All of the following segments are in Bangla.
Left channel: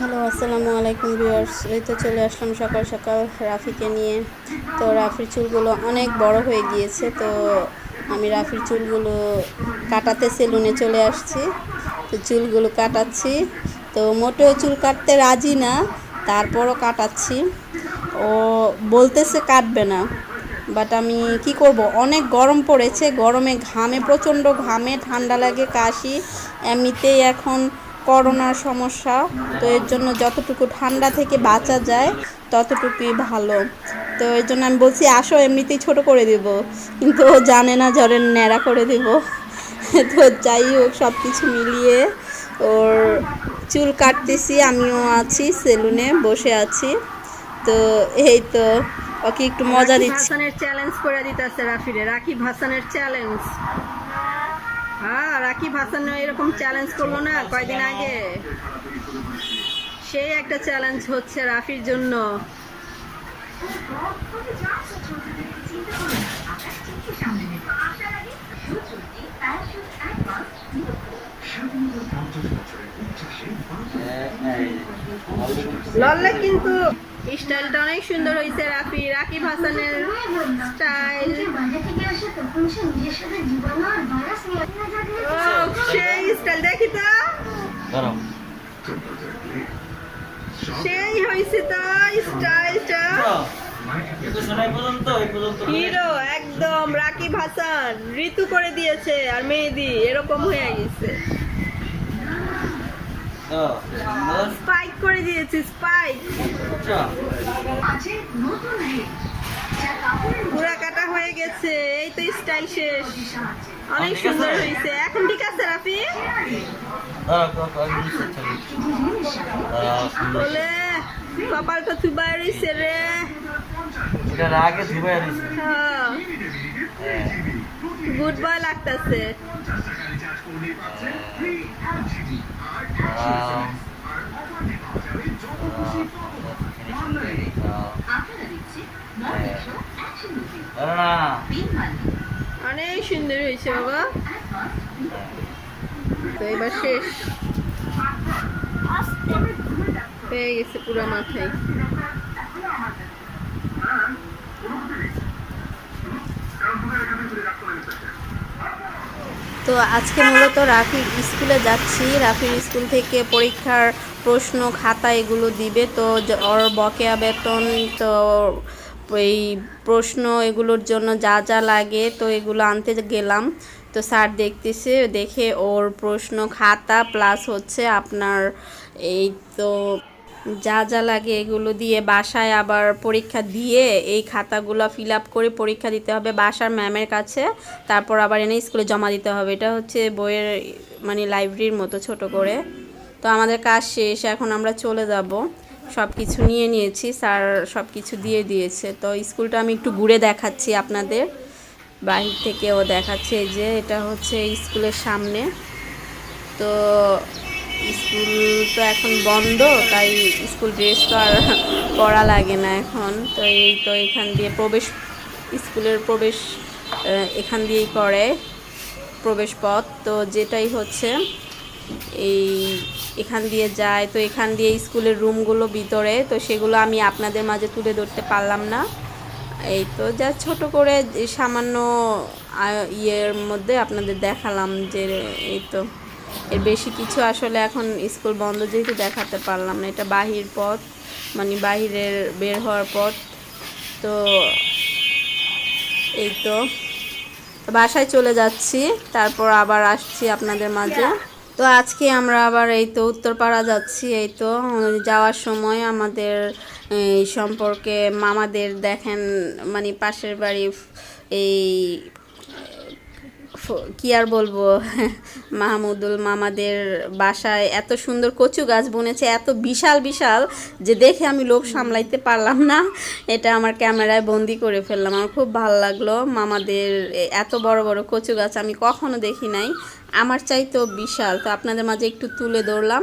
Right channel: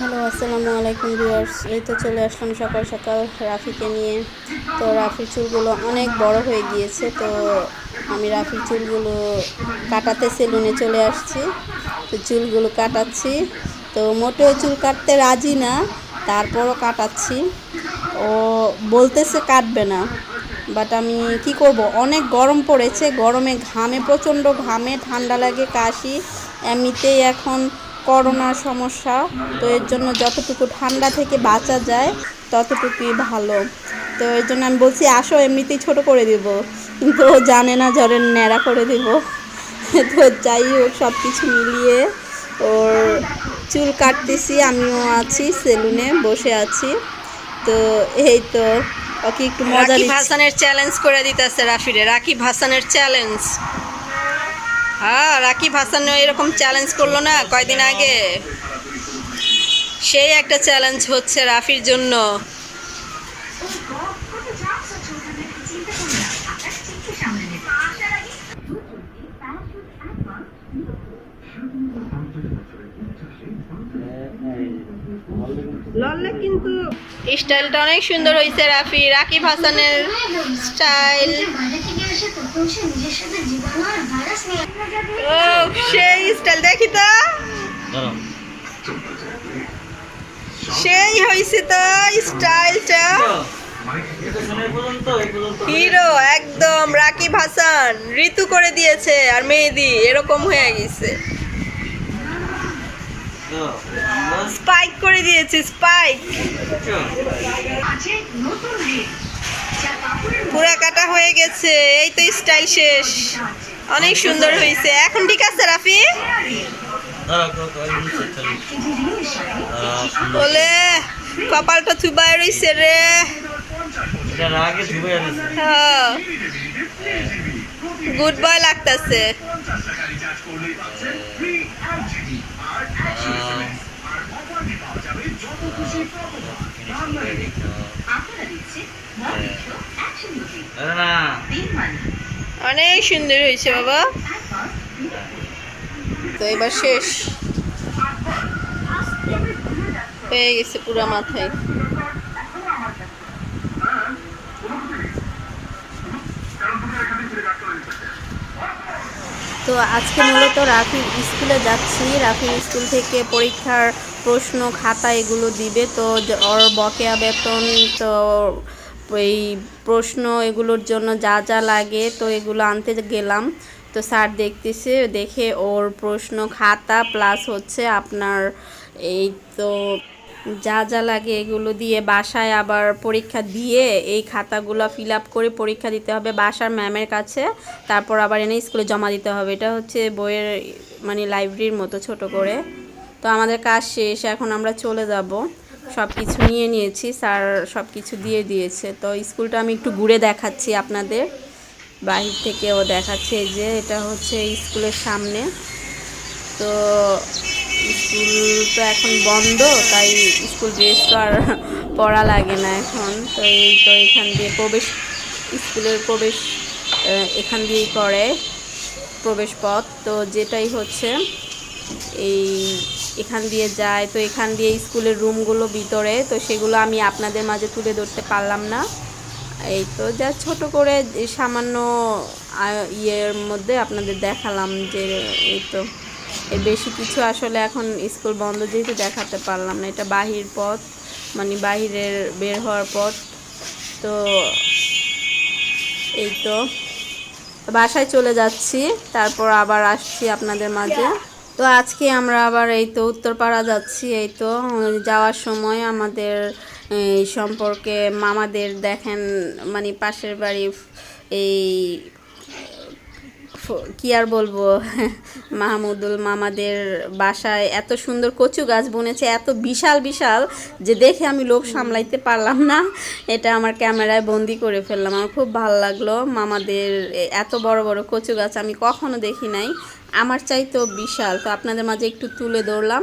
হ্যালো, আসসালামু আলাইকুম ভিউয়ার্স। এই তো চলে আসলাম সকাল সকাল রাফিকে নিয়ে। তো রাফির চুলগুলো অনেক বড় হয়ে গিয়েছে, তো আমি রাফির চুলগুলো কাটাতে সেলুনে চলে আসছি। তো চুলগুলো কাটাচ্ছি, তো মোটেও চুল কাটতে রাজি না, তারপরও কাটাচ্ছি। ও বলতেছে কাটবে না, বাট আমি কি করব, অনেক গরম পড়েছে, গরমে ঘামে, প্রচণ্ড ঘামে, ঠান্ডা লাগে, কাশি, এমনিতেই এখন করোনার সমস্যা। তো এর জন্য যতটুকু ঠান্ডা থেকে বাঁচা যায় ততটুকুই ভালো। তো এর জন্য আমি বলছি আসো, এমনিতেই ছোট করে দেব, কিন্তু ও জানে না ঝড়ের ন্যাড়া করে দেব। তো যাই হোক, সব কিছু মিলিয়ে ওর চুল কাটতেছি, আমিও আছি সেলুনে বসে আছি। তো এই তো ওকে একটু মজা দিচ্ছি। রাকিব হাসানের চ্যালেঞ্জ করে দিতেছে রাফিরে, রাকিব হাসানের চ্যালেঞ্জ। হ্যাঁ, রাকিব হাসান এরকম চ্যালেঞ্জ করলো না কয়দিন আগে, সেই একটা চ্যালেঞ্জ হচ্ছে রাফির জন্য। লল্লে কিন্তু স্টাইলটা অনেক সুন্দর হয়েছে রাফি, রাকিব হাসানের স্টাইল। ও সেই স্টাইল, দেখি তো, সেই হয়েছে তো স্টাইলটা, হিরো একদম। রাকিব হাসান ঋতু করে দিয়েছে, আর মেহেদি এরকম হয়ে গেছে, স্পাইক করে দিয়েছে, স্পাইক পুরা কাটা হয়ে গেছে। এই তো স্টাইল শেষ, অনেক সুন্দর হয়েছে। এখন ঠিক আছে রাফি? বলে কপালটা থুবাই রইছে রে। গুড বয় লাগতেছে। অনেক সুন্দর হয়েছে বাবা। তো এবার শেষ হয়ে গেছে পুরো মাথায়। তো আজকে মূলত রাফির স্কুলে যাচ্ছি, রাফির স্কুল থেকে পরীক্ষার প্রশ্ন খাতা এগুলো দিবে। তো ওর বকেয়া বেতন, তো এই প্রশ্ন এগুলোর জন্য যা যা লাগে তো এগুলো আনতে গেলাম। তো স্যার দেখতেছে, দেখে ওর প্রশ্ন খাতা প্লাস হচ্ছে আপনার এই তো যা যা লাগে এগুলো দিয়ে বাসায় আবার পরীক্ষা দিয়ে এই খাতাগুলো ফিল আপ করে পরীক্ষা দিতে হবে বাসার ম্যামের কাছে, তারপর আবার এনে স্কুলে জমা দিতে হবে। এটা হচ্ছে বইয়ের মানে লাইব্রেরির মতো ছোট করে। তো আমাদের কাজ শেষ, এখন আমরা চলে যাব। সব কিছু নিয়ে নিয়েছি, স্যার সব কিছু দিয়ে দিয়েছে। তো স্কুলটা আমি একটু ঘুরে দেখাচ্ছি আপনাদের, বাহির থেকেও দেখাচ্ছে যে এটা হচ্ছে স্কুলের সামনে। তো স্কুল তো এখন বন্ধ, তাই স্কুল ড্রেস তো আর পরা লাগে না এখন। তো এই তো এখান দিয়ে প্রবেশ, স্কুলের প্রবেশ এখান দিয়েই করে প্রবেশ পথ। তো যেটাই হচ্ছে এই এখান দিয়ে যায়, তো এখান দিয়ে স্কুলের রুমগুলো ভিতরে, তো সেগুলো আমি আপনাদের মাঝে তুলে ধরতে পারলাম না। এই তো যা ছোট করে সামান্য ইয়ের মধ্যে আপনাদের দেখালাম যে এই তো, এর বেশি কিছু আসলে এখন স্কুল বন্ধ যেহেতু দেখাতে পারলাম না। এটা বাহির পথ, মানে বাহিরের বের হওয়ার পথ। তো এই তো বাসায় চলে যাচ্ছি, তারপর আবার আসছি আপনাদের মাঝে। তো আজকে আমরা আবার এই তো উত্তরপাড়া যাচ্ছি। এই তো যাওয়ার সময় আমাদের এই সম্পর্কে মামাদের দেখেন, মানে পাশের বাড়ি এই কি আর বলবো, মাহমুদুল মামাদের বাসায় এত সুন্দর কচু গাছ বুনেছে, এত বিশাল বিশাল যে দেখে আমি লোভ সামলাইতে পারলাম না, এটা আমার ক্যামেরায় বন্দি করে ফেললাম। আমার খুব ভালো লাগলো, মামাদের এত বড় বড় কচু গাছ আমি কখনো দেখি নাই, আমার চাইতেও বিশাল। তো আপনাদের মাঝে একটু তুলে ধরলাম।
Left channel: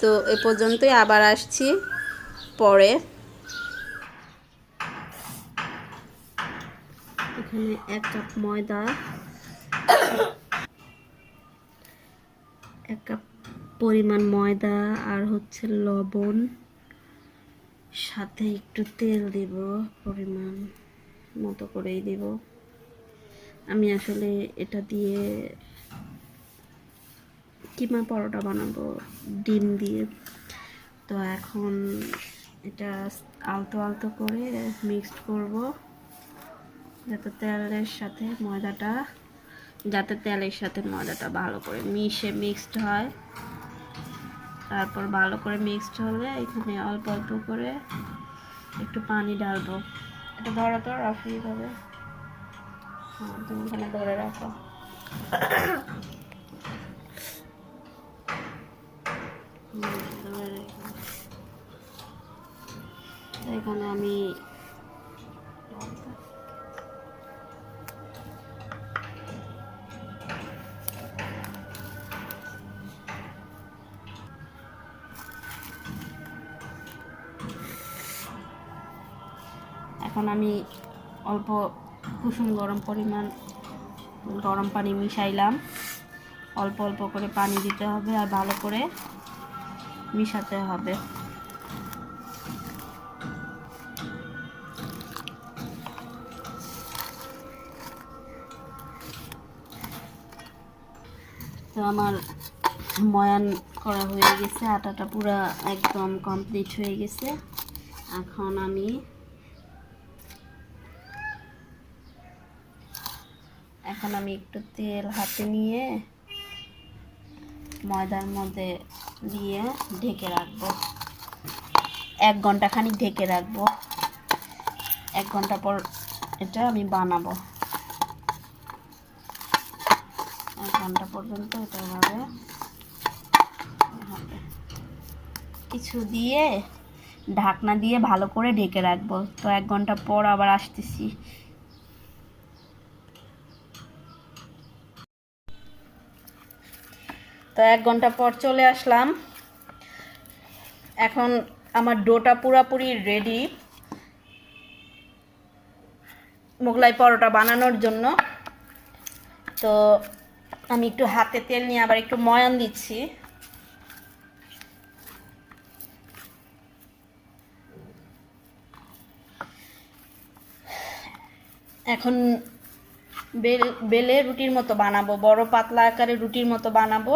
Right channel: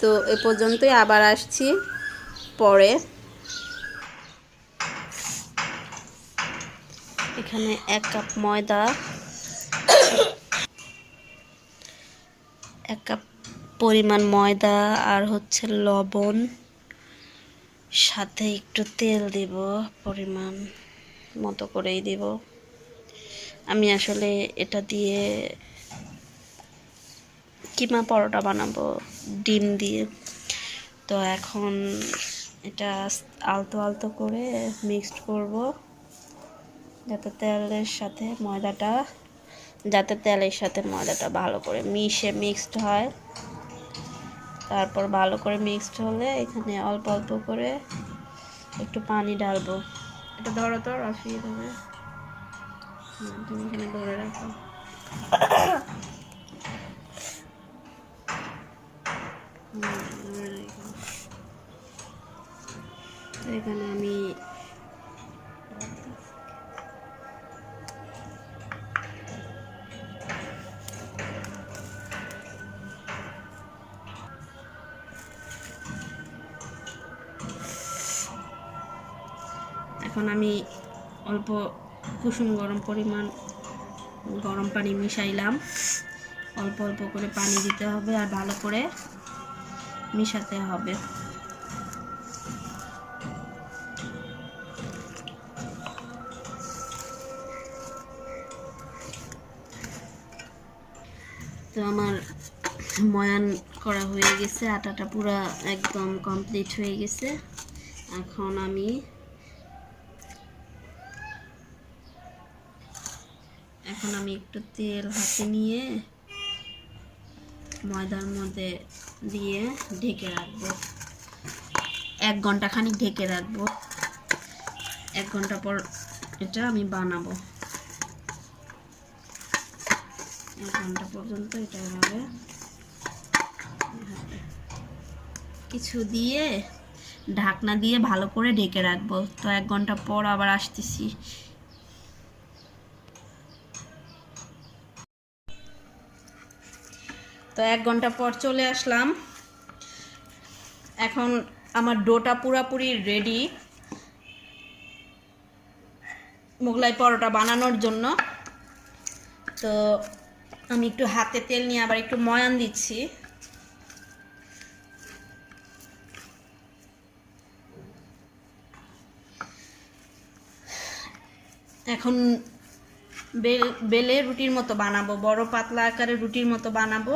তো এ পর্যন্তই, আবার আসছি পরে। এখানে 1 কাপ ময়দা, 1 কাপ পরিমাণ ময়দা আর হচ্ছে লবণ, সাথে একটু তেল দেব, পরিমাণ মতো করেই দেব। আমি আসলে এটা দিয়ে কিমা পরোটা বানাবো ডিম দিয়ে। তো এখন এটা আলতো আলতো করে মিক্সড করব, যাতে তেলের সাথে ময়দাটা ভালো করে মিক্সড হয়। তারপর ভালো করে মিক্সড হলে এখানে অল্প অল্প করে একটু পানি ঢালবো। এটা ধরো তো রাফি, ধরে হ্যাঁ তুমি এখানে ধরে রাখো। এখানে আমি অল্প কুসুম গরম পানি মিশাইলাম। অল্প অল্প করে পানি দিতে হবে আর ভালো করে মিশাতে হবে। তো আমার ময়ান করা হয়ে গেছে, আটাটা পুরা একদম কমপ্লিট হয়ে গেছে। এখন আমি একটু তেল হাতে নিয়ে ময়দার মধ্যে দিয়ে ঢেকে রাখবো, 1 ঘন্টা খানিক ঢেকে রাখবো। 1 ঘন্টা পর এটা আমি বানাবো। 1 ঘন্টা পর্যন্ত এটা এভাবে কিছু দিয়ে ঢাকনা দিয়ে ভালো করে ঢেকে রাখবো। তো 1 ঘন্টা পর আবার আসতেছি। তো 1 ঘন্টা পর চলে আসলাম। এখন আমার ডোটা পুরোপুরি রেডি মোগলাই পরোটা বানানোর জন্য। তো আমি একটু হাতে তেল নিয়ে আবার একটু ময়ান দিচ্ছি। এখন বেলে রুটির মতো বানাবো, বড় পাতলা আকারে রুটির মতো বানাবো।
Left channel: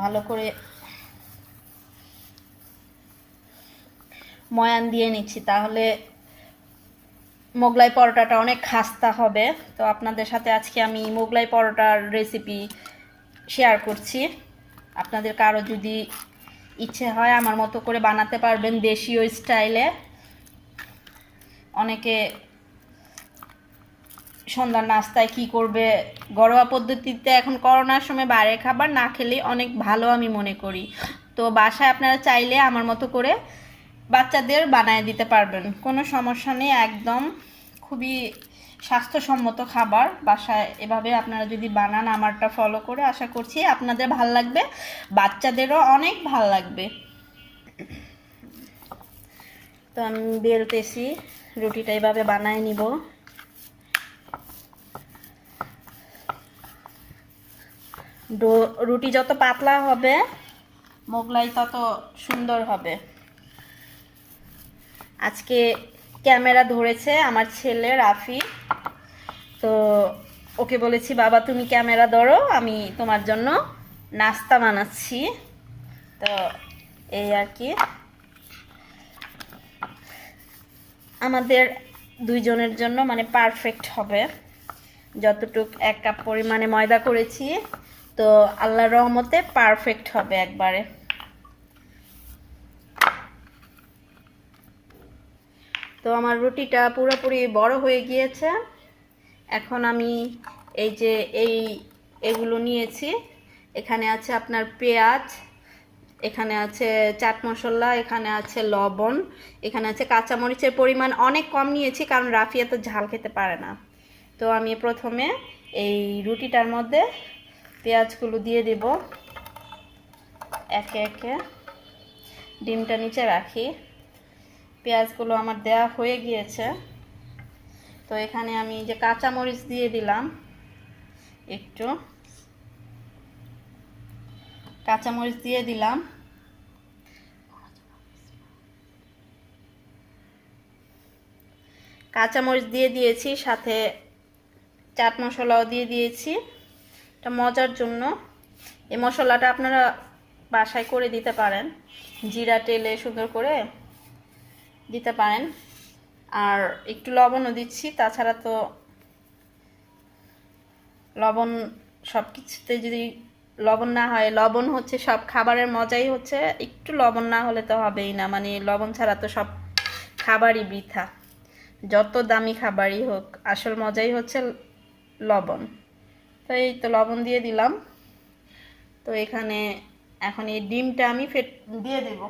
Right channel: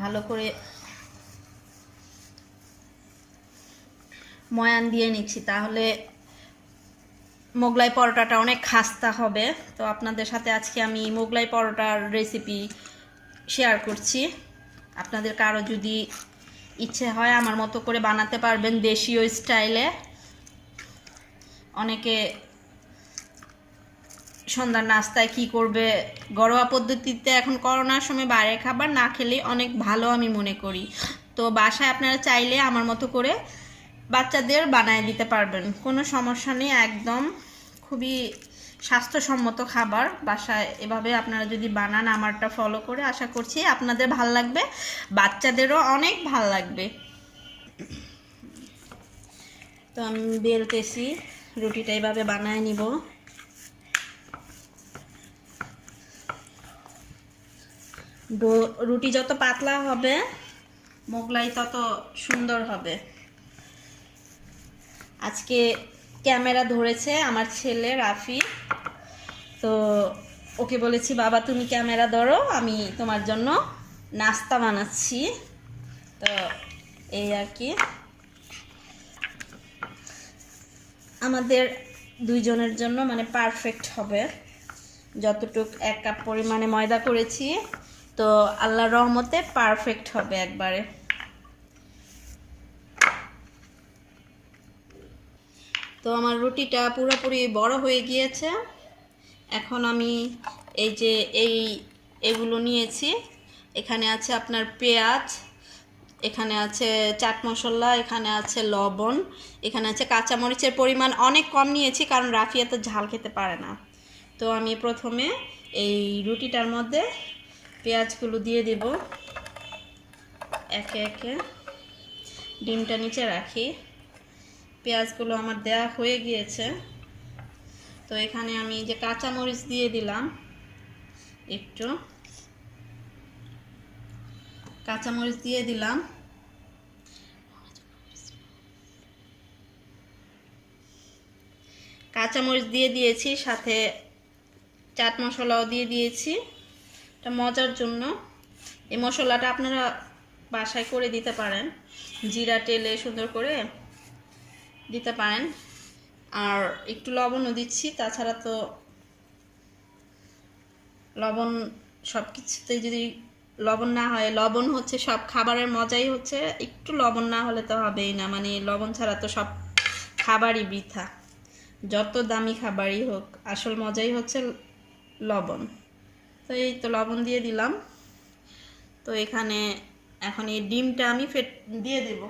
ভালো করে ময়ান দিয়ে নিচ্ছি, তাহলে মোগলাই পরোটাটা অনেক খাস্তা হবে। তো আপনাদের সাথে আজকে আমি মোগলাই পরোটার রেসিপি শেয়ার করছি। আপনাদের কারো যদি ইচ্ছে হয় আমার মতো করে বানাতে পারবেন দেশীয় স্টাইলে। অনেকে সন্ধ্যার নাস্তায় কি করবে, ঘরোয়া পদ্ধতিতে এখন করোনার সময় বাইরের খাবার না খেলে অনেক ভালো আমি মনে করি। তো বাসায় আপনারা চাইলে আমার মতো করে বাচ্চাদের বানায় দিতে পারবেন, কোনো সমস্যা নেই। একদম খুবই স্বাস্থ্যসম্মত খাবার। বাসায় এভাবে আপনারা যদি বানান আমারটা ফলো করে, আশা করছি আপনাদের ভাল লাগবে, বাচ্চাদেরও অনেক ভাল লাগবে। তো আমি বেলতেছি, রুটিটা এইভাবে বানায় নিব। রুটি যত পাতলা হবে মোগলাই তত সুন্দর হবে। আজকে ক্যামেরা ধরেছে আমার ছেলে রাফি। তো ওকে বলেছি, বাবা তুমি ক্যামেরা ধরো, আমি তোমার জন্য নাস্তা বানাচ্ছি। তো এই আর কি, আমাদের দুইজনের জন্য মানে পারফেক্ট হবে। যতটুক 1 কাপ পরিমাণে ময়দা করেছি, তো আল্লাহর রহমতে পারফেক্ট হবে একবারে। তো আমার রুটিটা পুরোপুরি বড় হয়ে গিয়েছে। এখন আমি এই যে এগুলো নিয়েছি, এখানে আছে আপনার পেঁয়াজ, এখানে আছে চাট মশলা, এখানে আছে লবণ, এখানে আছে কাঁচামরিচের পরিমাণ অনেক কম নিয়েছি কারণ রাফি এত ঝাল খেতে পারে না। তো আমি প্রথমে এই রুটিটার মধ্যে পেঁয়াজগুলো দিয়ে দেব একে একে। ডিমটা নিচে রাখি। পেঁয়াজগুলো আমার দেওয়া হয়ে গিয়েছে। তো এখানে আমি যে কাঁচামরিচ দিয়ে দিলাম, একটু কাঁচামরিচ দিয়ে দিলাম, কাঁচামরিচ দিয়ে দিয়েছি, সাথে চাট মশলাও দিয়ে দিয়েছি এটা মজার জন্য। এই মশলাটা আপনারা বাসায় করে দিতে পারেন, জিরা তেলে সুন্দর করে দিতে পারেন। আর একটু লবণও দিচ্ছি, তাছাড়া তো লবণ সব কিছুতে যদি লবণ না হয়, লবণ হচ্ছে সব খাবারের মজাই হচ্ছে, একটু লবণ না হলে তো হবেই না, মানে লবণ ছাড়া তো সব খাবারই বৃথা, যত দামি খাবারই হোক, আসল মজাই হচ্ছে লবণ। তো এই তো লবণ দিয়ে দিলাম। তো এখানে এখন এই ডিমটা আমি দিয়ে দেব।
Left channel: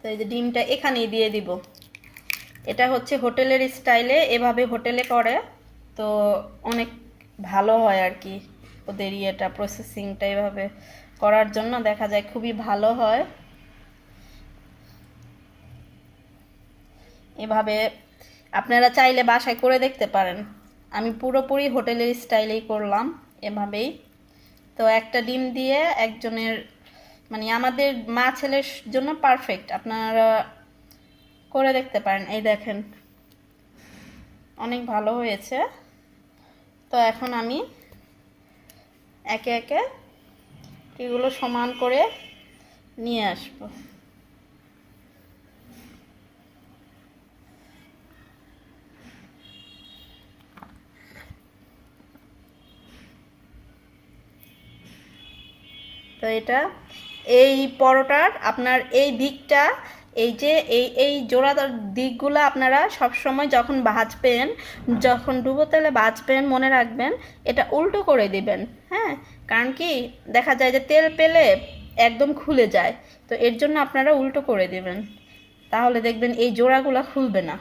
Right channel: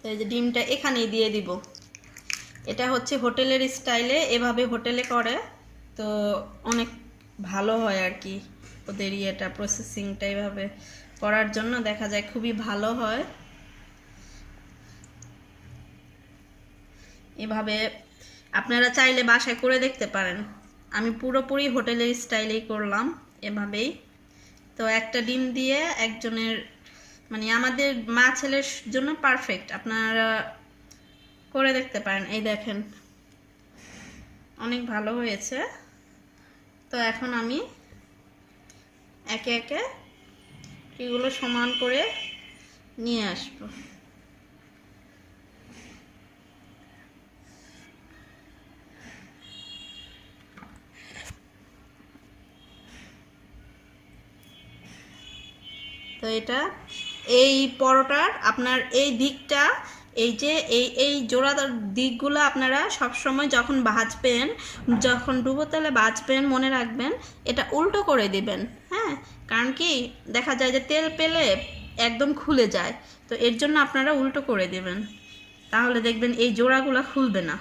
তো এই যে ডিমটা এখানেই দিয়ে দিব। এটা হচ্ছে হোটেলের স্টাইলে, এভাবে হোটেলে করে, তো অনেক ভালো হয় আর কি, ওদের ইয়েটা প্রসেসিংটা এভাবে করার জন্য দেখা যায় খুবই ভালো হয়। এভাবে আপনারা চাইলে বাসায় করে দেখতে পারেন। আমি পুরোপুরি হোটেলের স্টাইলেই করলাম এভাবেই। তো একটা ডিম দিয়ে একজনের, মানে আমাদের মা ছেলের জন্য পারফেক্ট, আপনারা করে দেখতে পারেন। এই দেখেন অনেক ভালো হয়েছে। তো এখন আমি একে একে এগুলো সমান করে নিয়ে আসবো। তো এটা এই পরোটার আপনার এই দিকটা, এই যে এই জোড়াদার দিকগুলো আপনারা সব সময় যখন ভাজবেন, যখন ডুবো তেলে ভাজবেন, মনে রাখবেন এটা উল্টো করে দিবেন। হ্যাঁ, কারণ কি দেখা যায় যে তেল পেলে একদম খুলে যায়, তো এর জন্য আপনারা উল্টো করে দিবেন, তাহলে দেখবেন এই জোড়াগুলো খুলবে না।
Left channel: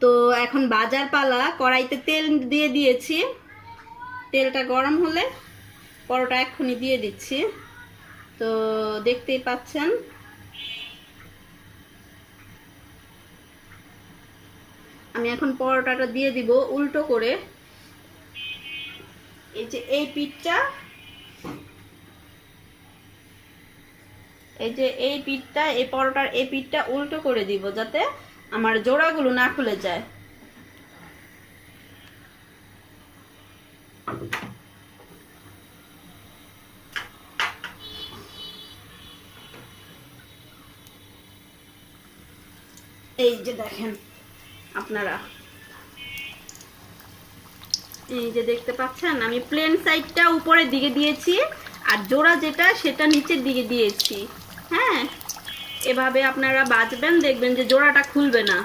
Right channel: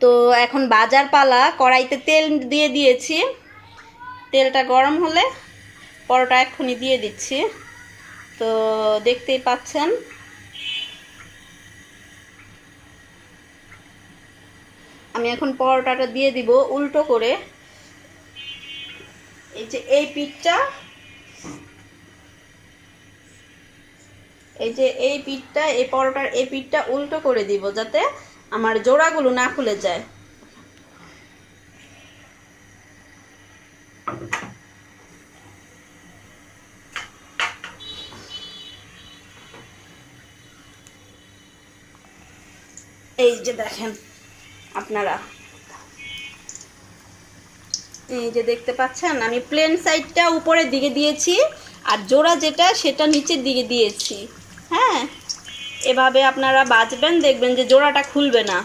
তো এখন বাজার পালা, কড়াইতে তেল দিয়ে দিয়েছি, তেলটা গরম হলে পরোটা এক্ষুনি দিয়ে দিচ্ছি। তো দেখতেই পাচ্ছেন আমি এখন পরোটাটা দিয়ে দিব উল্টো করে। এই যে এই পিঠটা, এই পরোটার এই পিঠটা উল্টো করে দিব, যাতে আমার জোড়াগুলো না খুলে যায়। এই যে দেখেন আপনারা, এই যে দেখতে পাচ্ছেন আমি প্লেন সাইডটা উপরের দিকে দিয়েছি, আর জোড়া যেটা সেটা নিচের দিকে দিয়েছি। হ্যাঁ, এভাবে আপনারা ভাজবেন, দেখবেন যে জোড়াটা খুলবে না।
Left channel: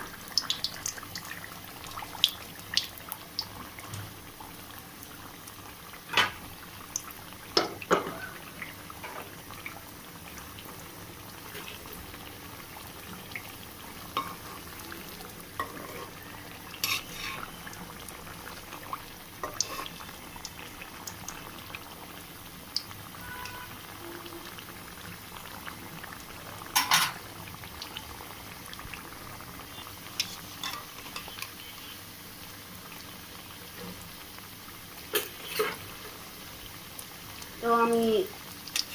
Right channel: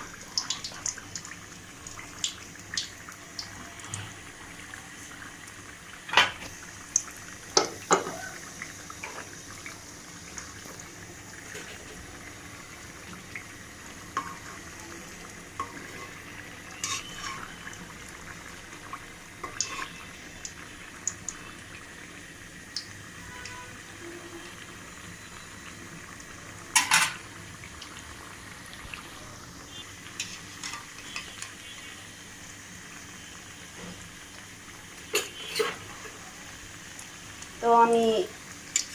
তো আমি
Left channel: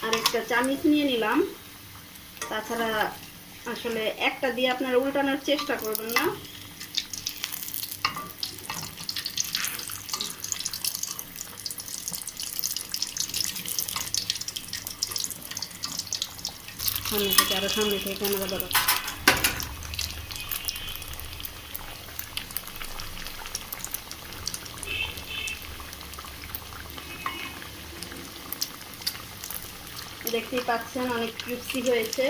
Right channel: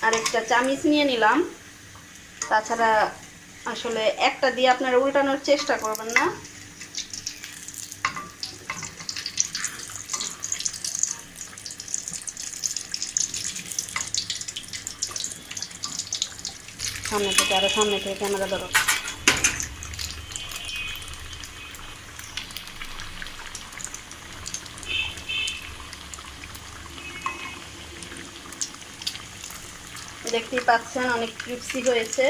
আরেকটা চামিচ নিয়ে নিলাম, তাছাড়া আসলে একটা দিয়ে আপনারা উল্টানোর চেষ্টা করবেন না। সামনে থেকে, আরো সামনে থেকে ক্যামেরা ধরো। দেখতেই পাচ্ছেন অনেক ক্রিস্পি হয়েছে।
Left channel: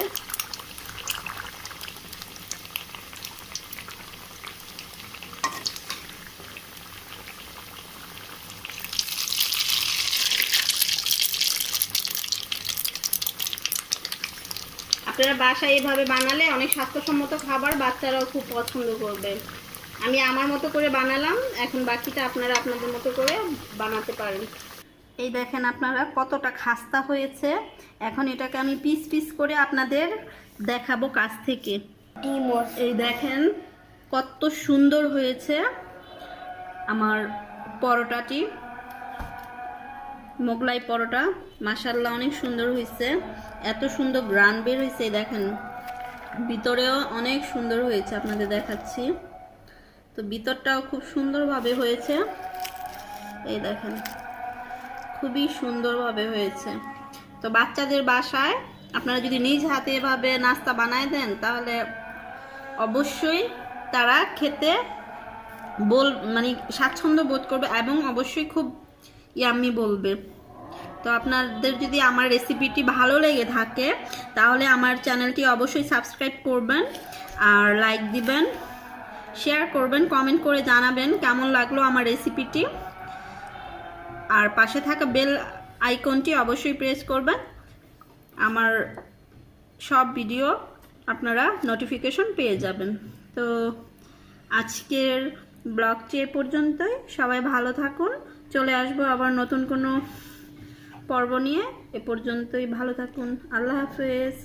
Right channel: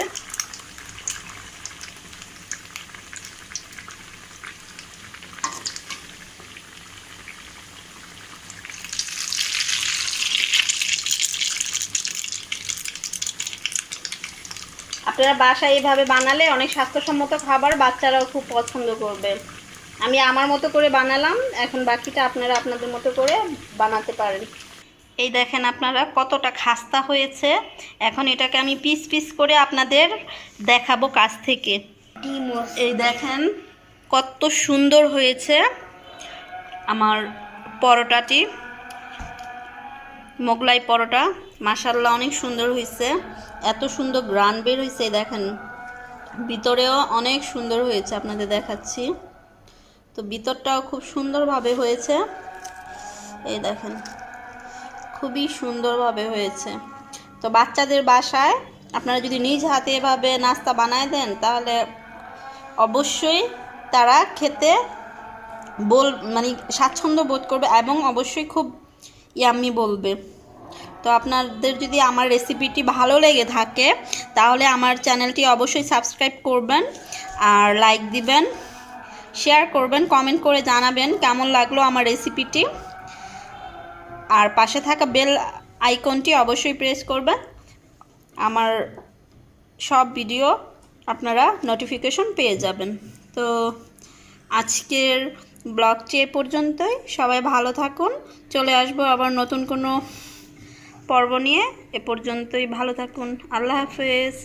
আপনারা বাসায় এইভাবে বানালে অনেক স্বাস্থ্যসম্মত খাবার, বাচ্চারাও খুব পছন্দ করবে। আমি আমার মতো করে বানালাম, এখন বাকিটা আপনারা আপনাদের মতো করে বানাতে পারেন। এই দেখেন আপনারা কতটা খাস্তা হয়েছে। এখন এটাকে আমি পিস পিস করে আপনাদের দেখাবো কাছ থেকে। এই দেখেন কত সুন্দর হয়েছে আমার পরোটাটি, মোগলাই পরোটা। মাশাআল্লাহ অনেক সুন্দর হয়েছে, এত সুন্দর গ্রান বের হয়েছে। দেখেন ভিতরেও অনেক সুন্দর হয়েছে, আপনাদের দেখাচ্ছি। তো ভিতরটাও খুব সুন্দরভাবে হয়েছে, এই দেখেন খুবই সুন্দরভাবে হয়েছে। তো বাচ্চাদের বাসায় আপনারা যদি নিজ হাতে এভাবে নাস্তা বানায় দেন তাহলে অবশ্যই তারা খেতে মানে স্বাচ্ছন্দ্য বোধ করবে এবং অবশ্যই খুব ইয়াম্মি বলবে। তো আপনাদের যদি আমার রেসিপিটি ভালো লেগে থাকে তাহলে আমার চ্যানেলটি অবশ্যই সাবস্ক্রাইব করবেন, আর লাইক দিবেন, শেয়ার করবেন, কমেন্ট করে জানাবেন কেমন লাগলো আমার রেসিপিটি। আর পাশে থাকা বেল আইকনটি অবশ্যই প্রেস করবেন, আমার সব ভিডিও আপনারা নোটিফিকেশন পেয়ে যাবেন। তো আজকের ব্লগটি এ পর্যন্তই, সবাই ভালো থাকুন। চলে আসবো আবার নতুন কোনো পর্ব নিয়ে, এ পর্যন্তই ভালো থাকুন। আল্লাহ হাফেজ।